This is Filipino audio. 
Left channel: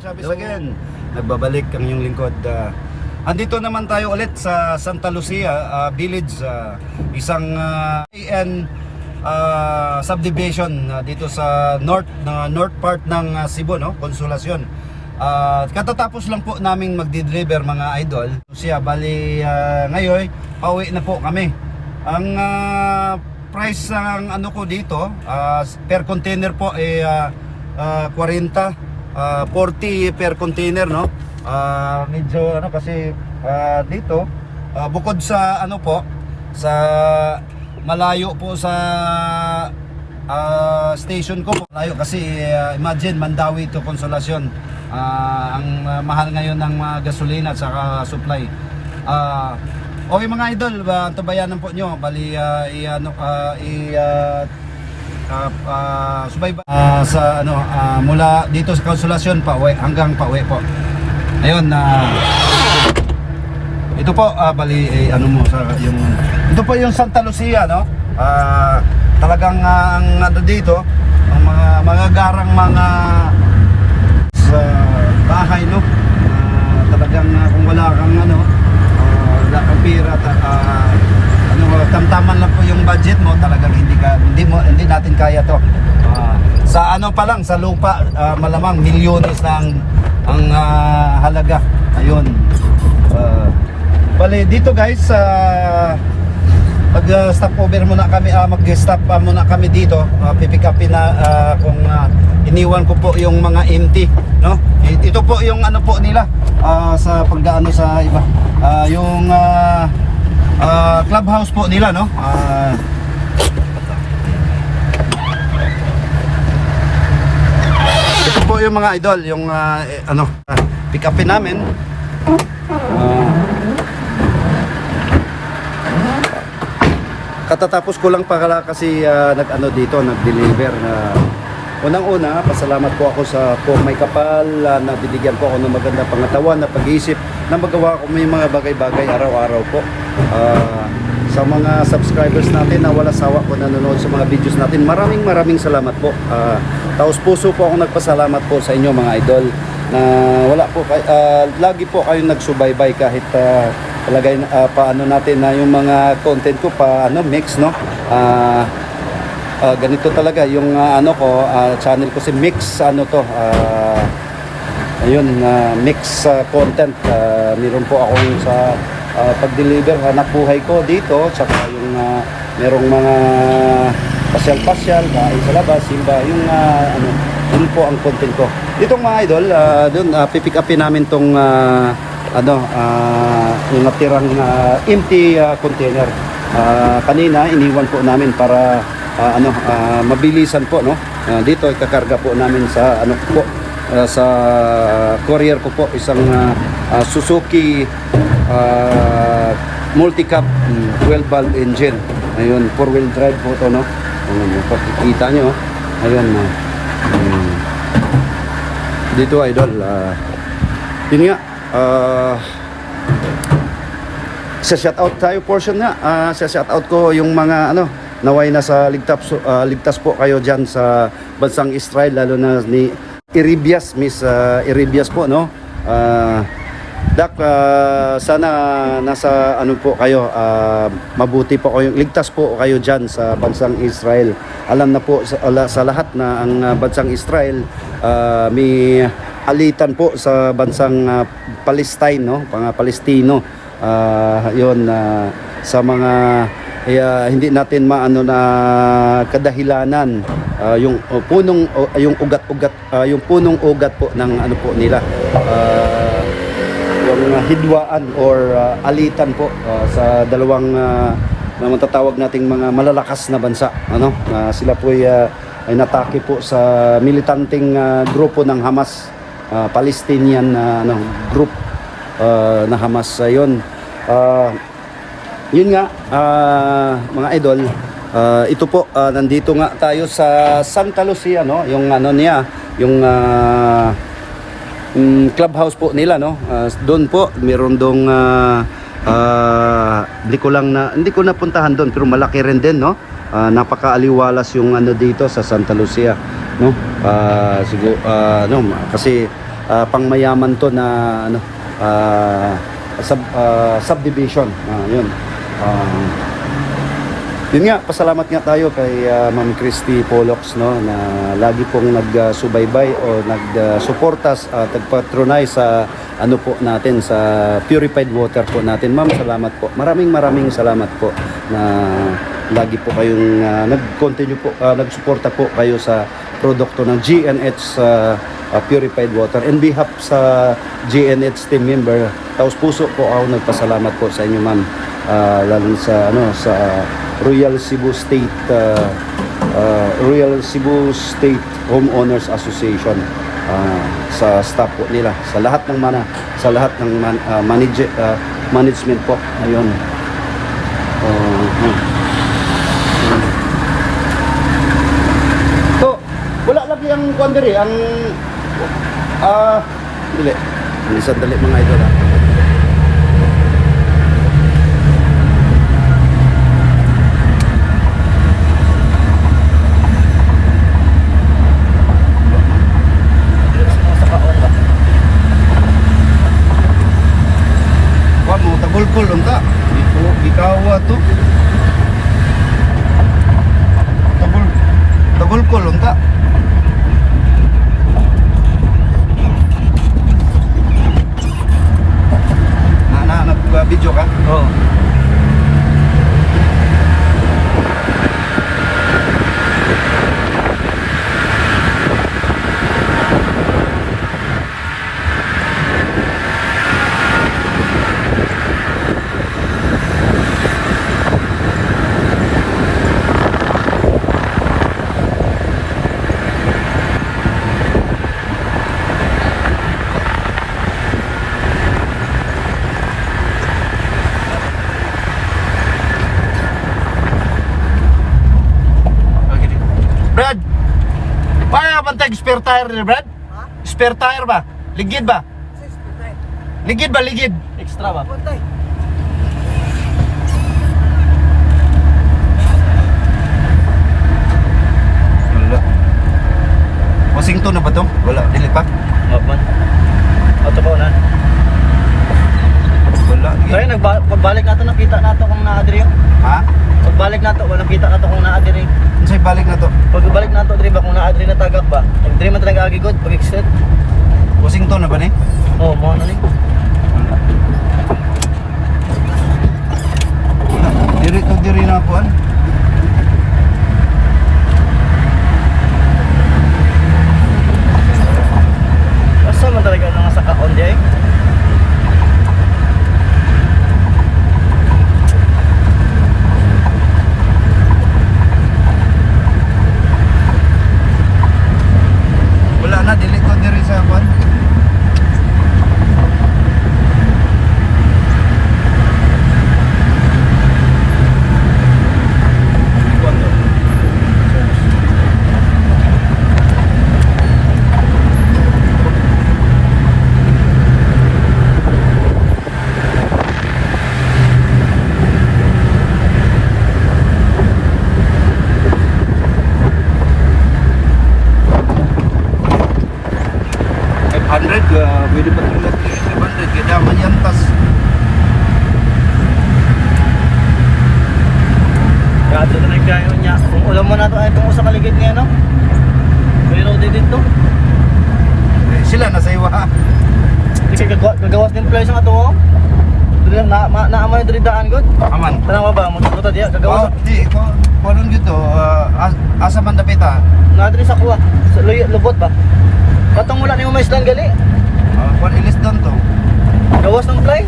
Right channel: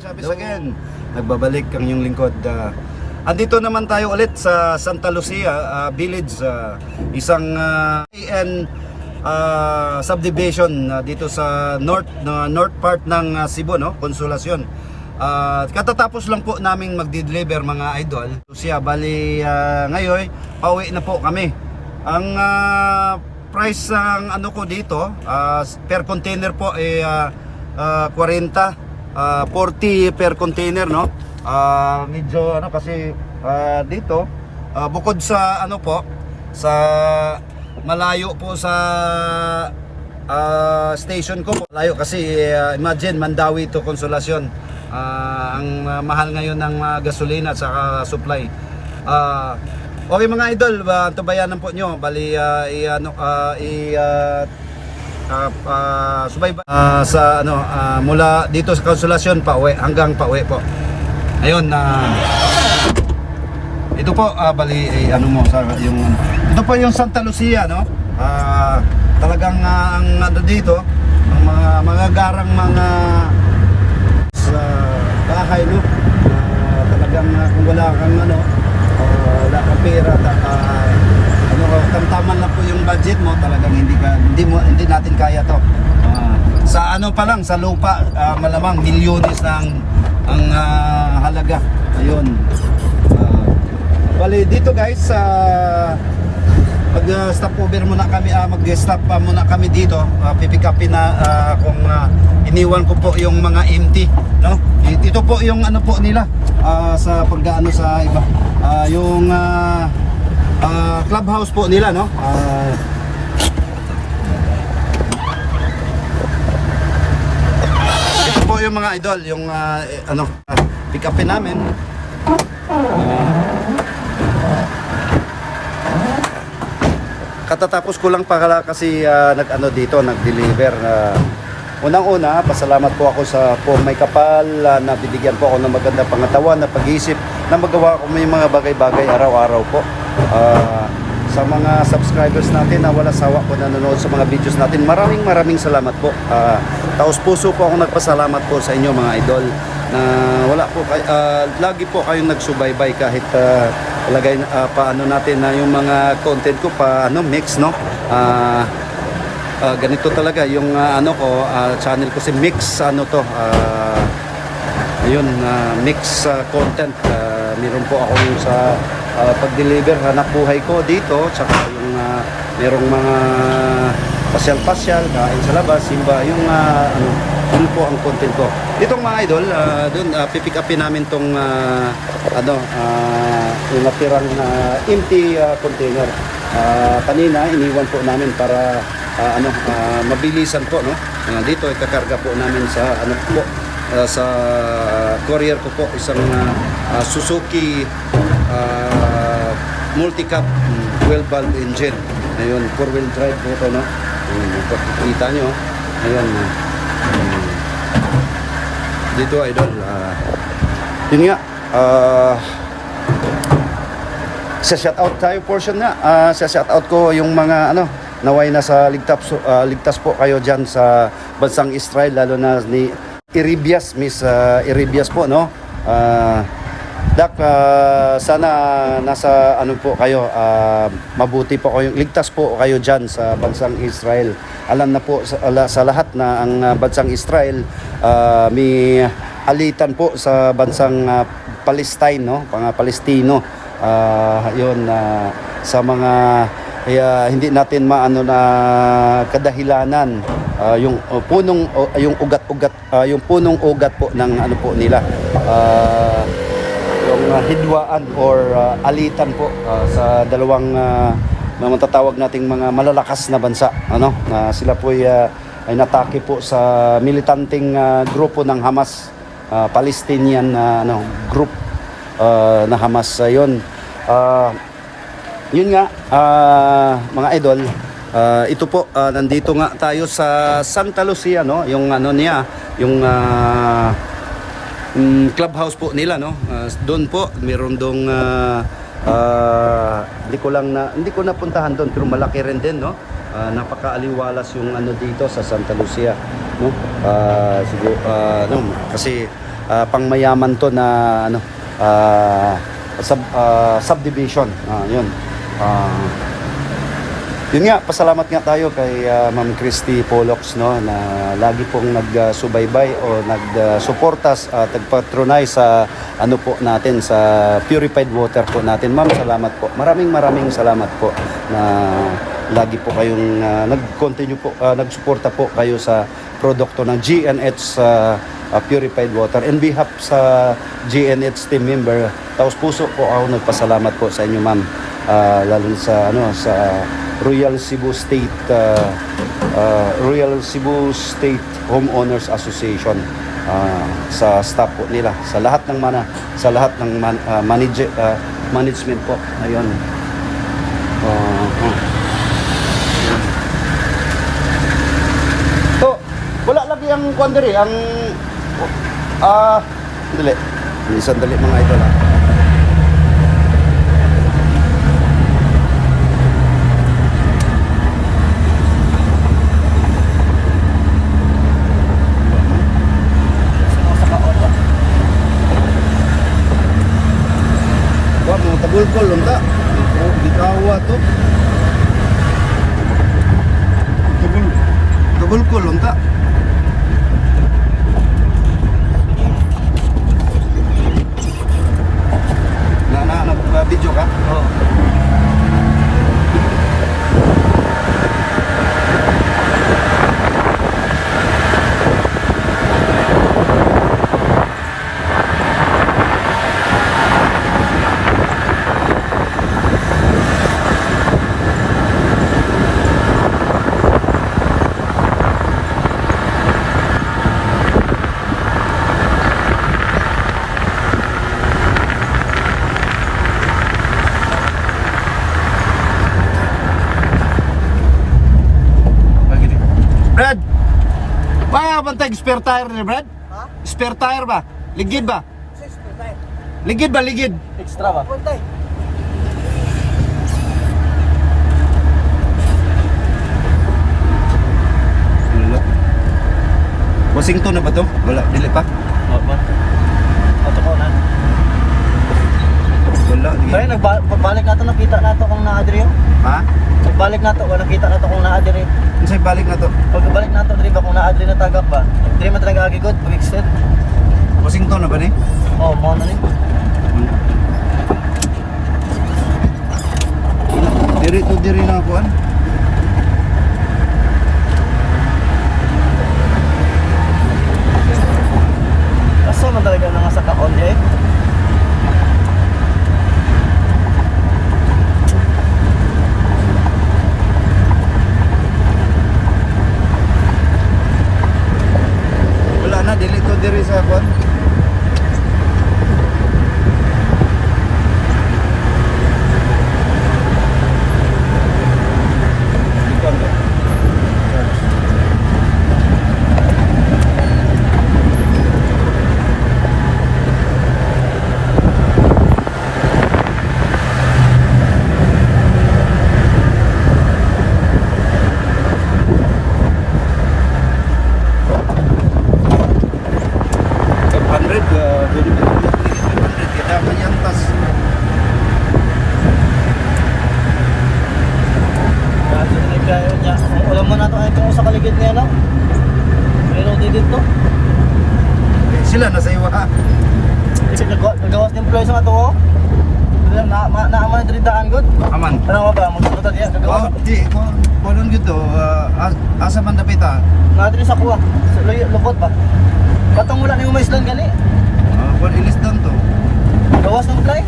Again, nagbabalik ang inyong lingkod. Andito naman tayo ulit sa Santa Lucia Village, isang subdivision dito sa north part ng Cebu, no? Consolacion. Katatapos lang po naming magde-deliver mga idol. Lucia, bali ngayon pauwi na po kami. Ang price ng ano ko dito per container po ay 40 per container, no? Medyo ano kasi dito bukod sa ano po sa malayo po sa station ko, malayo kasi imagine Mandawi to Consolacion. Ang mahal ngayon ng gasolina at saka supply. Okay mga idol, tabayanan po nyo, bali subaybay sa ano mula dito sa Consolacion pauwi hanggang pauwi po. Ayun, ito po bali ano mo sa yung ito po yung Santa Lucia, no? Talagang ang ano dito, ang mga garang mga bahay, no? Talagang kung wala kang ano, wala kang pera, ano, tamtaman lang po yung budget mo, talagang hindi natin kaya to. Sa ano pa lang, sa lupa, malamang milyones na ang halaga. Ayun. Bali dito guys, pag stop over muna kami, mag-stop muna kami dito, pipick upin na kung iniwan ko po yung mga empty, no? Ito po yung ano po nila sa pagdaano sa iba, yung clubhouse po nila, no? Ito po yung mga idol, yung ano, pick upin namin. Katatapos ko lang pala kasi nag-ano dito, nag-deliver. Unang-una, pasalamat po ako sa may kapal na bibigyan po ako ng maganda pangatawan na pag-iisip na magawa ko may mga bagay-bagay araw-araw po. Sa mga subscribers natin na wala sawa po nanonood sa mga videos natin, maraming salamat po. Taos puso po ako nagpasalamat po sa inyo mga idol na wala po lagi po kayong nagsubaybay kahit palagay paano natin na yung mga content ko paano mix, no? Ganito talaga yung ano ko, channel ko si Mix ano to, ayun, mix content. Meron po akong sa pag-deliver hanap buhay ko dito, tsaka yung merong mga pasyal-pasyal, kain sa labas, simba, yung ano, yun po ang content ko. Itong mga idol, doon pipick upin namin tong ano, yung natirang empty container. Kanina iniwan po namin para ano, mabilisan po, no? Dito ikakarga po namin sa ano po, sa courier ko po, isang Suzuki multi-cab 12-valve engine. Ayun, 4-wheel drive po ito, no? Kita nyo, ayun, dito idol, yun nga, sa shoutout tayo portion nga, sa shoutout ko yung mga ano, naway na sa ligtas po kayo dyan sa bansang Israel, lalo na ni Iribias, Miss Iribias po, no? Dak, sana nasa ano po kayo, mabuti po kayo, ligtas po kayo dyan sa bansang Israel. Alam na po sa lahat na ang bansang Israel may alitan po sa bansang Palestine, no? Mga Palestino. Yun, sa mga hindi natin maano na kadahilanan, yung punong yung ugat-ugat, yung punong ugat po ng ano po nila, yung hidwaan or alitan po sa dalawang na matatawag nating mga malalakas na bansa, ano, sila po ay natake po sa militanteng grupo ng Hamas, Palestinian ano, group na Hamas. Yun, yun nga, mga idol, ito po, nandito nga tayo sa Santa Lucia, no? Yung ano niya, yung clubhouse po nila, no? Doon po meron dong hindi ko napuntahan doon, pero malaki rin din, no? Napakaaliwalas yung ano dito sa Santa Lucia, no? Siguro no, kasi pangmayaman to na ano, subdivision. Yun. Yun nga, pasalamat nga tayo kay Ma'am Christy Polox, no, na lagi pong nagsubaybay o nagsuportas at nagpatronize sa ano po natin, sa purified water po natin. Ma'am, salamat po. Maraming salamat po na lagi po kayong nag-continue po, nagsuporta po kayo sa produkto ng GNH purified water. In behalf sa GNH team member, taos puso po ako nagpasalamat po sa inyo, ma'am. Lalo sa ano, sa Royal Cebu State Homeowners Association, sa staff po nila, sa lahat ng management po. Ayun. So, wala lagi ang kuandiri, ang dali. Sandali mga idol, ha. Tagulkol unta. Gikawa to. Tagulkol unta. Nag-video ka? Oo. Brad, wala bantay spare tire ni Brad? Spare tire ba? Ligid ba? Ligid ba, ligid? Extra ba? Washington na ba to? Wala, dili pa? Mapan. Auto pa na. Wala. Kaya pagbalik nato nakita nato kung naa diri. Ha? Pagbalik nato wala nakita nato kung naa diri. Kasi balik na to. Pagbalik nato diri ba kung naa diri na tagak ba? Diri man talaga agigod pag exit. Washington na ba ni? Oh, mo na ni. Diri na kuan. Asa man talaga nang sa kaon di ay. Wala na, delete to diri sa kuan. Pwede pa ito. 500, kailangan yan tas. Kaya ito na nagkayo niya. Kung ulam mo na ito ay itong usa kaligid niya no. Reloaded dito. Sila nasa iwa, ha? Kasi gagawas din place nga ito oh. Dili naaman diri daan gud. Aman. Tanong ba mo dito diya gagawas. Di, kuan gito, asa man dapita. Nga diri sa kuwa. Sa lubot ba? Katong wala ni mo maisdan gali. Kuan ilis doon to. Gawas ng play.